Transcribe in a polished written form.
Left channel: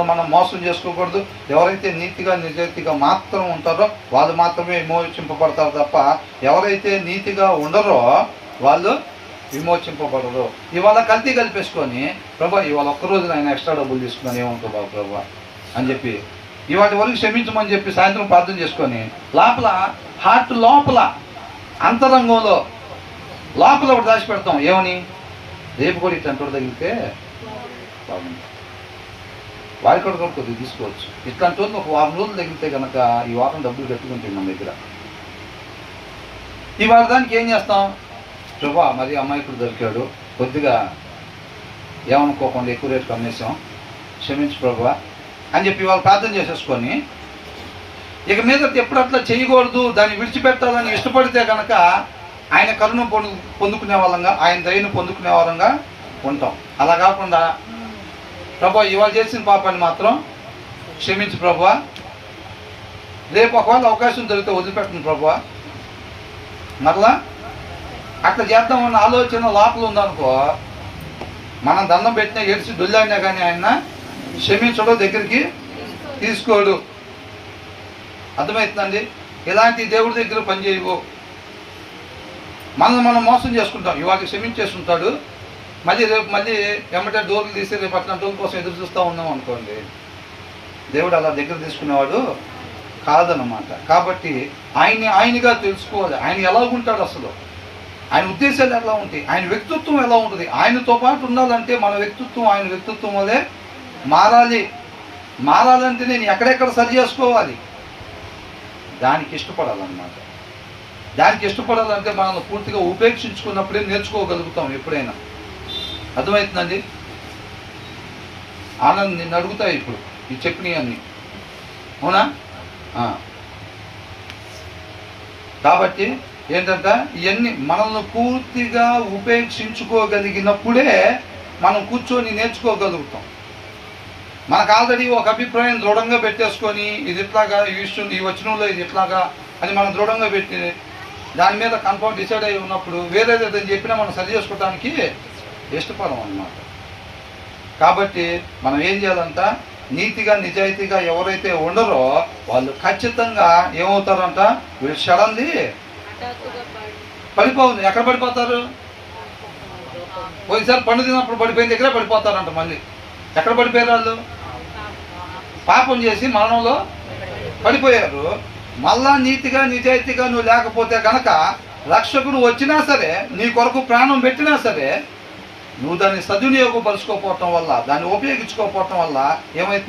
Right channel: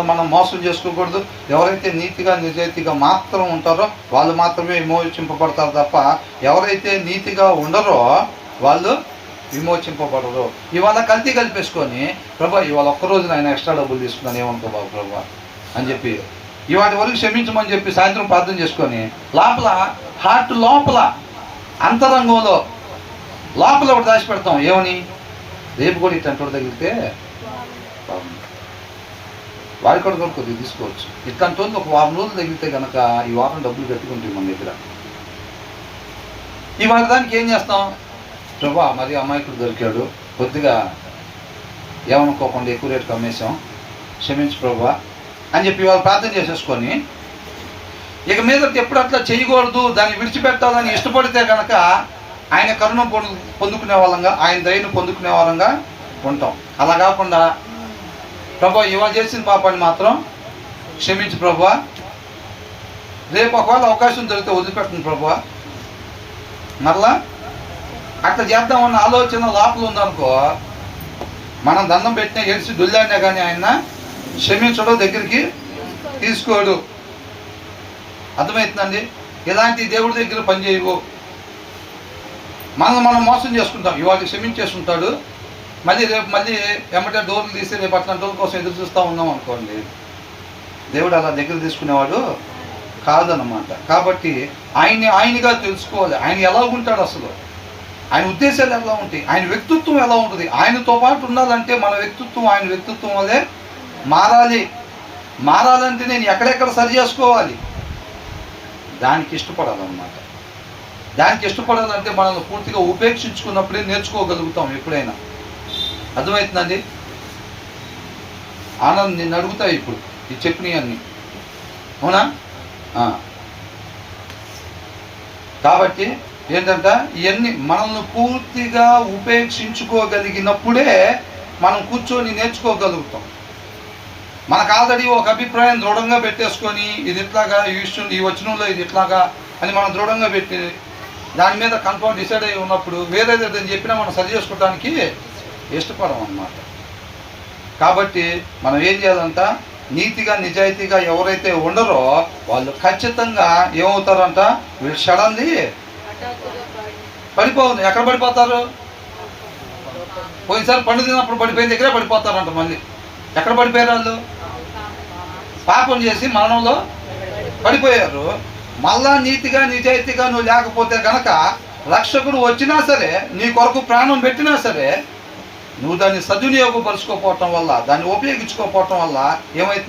మనల్ని మనం మోసం చేసుకోకూడదు. ఎవరైతే నీతిగా నిజాయితీగా మాత్రం ఉంటారో వాళ్ళు మాత్రమే విమోచింపబడతారు తప్ప ఎవరైతే నీతిగా ఉండరో వాళ్ళు విమోచింపబడరు. ఇవాళ కల్తీ కలిపేసుకొని ప్రభా ఇవాళ ఒక్కరోజు ఆయన ఎక్స్ట్రా డబ్బులు తీసుకున్నాను ఏమనుకో ప్రభా అని చెప్పి ఇవాటి వరకు క్షమించమని చెప్పి సాయంత్రం ప్రార్థన చేసుకొని లోపల హార్ట్ లోపల అంతరంగంలో లోపల ఒకటి దాచిపెడతాం. ఏమని? రేపు కూడా ఇట్లాంటి తగిలితే వారి కూడా కొద్దిగా తీసుకోవచ్చు. ఇట్లాంటి ఒక వారం రోజులు తగిలితే కనుక ఈ వారం డబ్బులు కట్టుకుంటాం మన దగ్గర. ఇవాళ దానికి ఏం చేస్తాం? ప్రభా మరి అమాయకుడు దొరికాడు, కొద్దిగా ఏమనుకోకుండా ఎక్కువ రేటుకి అమ్మేసాం, క్షమించు ప్రభా అని చెప్పి వాళ్ళు ప్రార్థన చేసేసుకొని ఇక మీద ఎప్పుడు అట్లా చేయకూడదు, దాన్ని విడిచిపెట్టాలని ఇష్టపడితే కనుక ఆయన కరుణ పొందుకునే వాళ్ళంగా, ఆయన దయను పొందుకునే వాళ్ళంగా ఉంటాం. అలా కాకుండా ప్రభా ఇవాళ చేసిన పాపాన్ని మాత్రం క్షమించు ప్రభా, రేపు ఒకవేళ అవకాశం దొరికితే వదిలిపెట్టను ప్రభా, మరలా అట్లా చేద్దామన్న ఆలోచన లోపల ఉందనుకో, మనం దండం పెట్టినా ఏడిసి దొల్లాడినా కానీ ఆయన క్షమించడం దగ్గరికి తీసుకోడు. అర్థమవుతుందండి? ఇలాంటి దేవుడి దగ్గర పనిచేయవు. మనం మోసం చేసుకుంటాం. ఇవాళ క్షమించేస్తుంటాడు, మళ్ళీ రేపు మళ్ళీ ఎమ్మటే డోర్లు తీసి రేపు అట్లా డోర్ కోసం ఎదురు చూస్తూ ఉన్నాం అనుకోండి. దేవుడు అలా దగ్గర తీసుకునేవాడు కాదన్నమాట. కాబట్టి ఆయనగా తెలుసుకోవాలి. ఆయన ఎలా ఉంటాడు, అసలు ఆయన ఉద్దేశాలు ఎలా ఉంటాయి, ఆయన వ్యక్తిత్వం ఎలా ఉంటుంది. ఆయనతో పాటు ఉండాలంటే మన వ్యక్తిత్వం ఆయన వ్యక్తిత్వం వల్లే మారాలంటే నేను ఎక్కడెక్కడ సరి చేసుకోవాలి, దానికి ఇష్టపడాలన్నమాట. దానికి ఇష్టపడాలంటే మనల్ని పూర్తిగా ఉపేక్షించుకున్నప్పుడే నేర్చుకోగలుగుతాం ఎప్పుడైనా. అర్థమవుతుందండి? ఆనంద్ నిన్ను అడుగుతాయి ఇప్పుడు ఈ చెప్పినవన్నీ, అవునా? కాబట్టి ఏంటంటే ఇవన్నీ మనల్ని పూర్తిగా ఉపేక్షించుకోగలిగినప్పుడే మనం కూర్చొని నేర్చుకోగలుగుతాం. మనకు ఆల్రెడీ ఒక అభిప్రాయం దృఢంగా పెట్టేసుకొని ఇది ఇట్లాగా, ఈ విషయం ఈ వచనంలో ఇది ఇట్లాగా అని మనం దృఢంగా పెట్టి దాని మీద కన్ఫర్మ్ డిసైడ్ అయి ఉన్నప్పుడు వేరేదేదని చెప్పినా మనం సరి చేసుకోవడానికి ఇష్టపడం అన్నమాట. కాబట్టి మనం ఏం చేయాలంట? నీతిగా నిజాయితీగా ఎవరైతే ఉండరో వాళ్ళు ఖచ్చితంగా ఏమవుతారంట? వీళ్ళు సడన్లీ పడిపోతుంది. ఎక్కడ పడిపోతారు? పోయినసారి పండు తిన్నప్పుడు పడిపోయిన దగ్గరే పడిపోతారంట. మళ్ళీ ఎక్కడ పడిపోయారు? వాళ్ళు పాపం చేసి మరణంలో పడిపోయారు. మళ్ళా నీతిగా నిజాయితీగా నువ్వు లేకపోతే కనుక రక్షకుడు వచ్చినా సరే, నీ కొరకు ప్రాణం పెట్టినా సరే, నువ్వు దాన్ని సద్వినియోగపరుచుకోకపోవటం వల్ల, దాన్ని ఉపయోగించుకోకపోవటం వల్ల ఏమైతే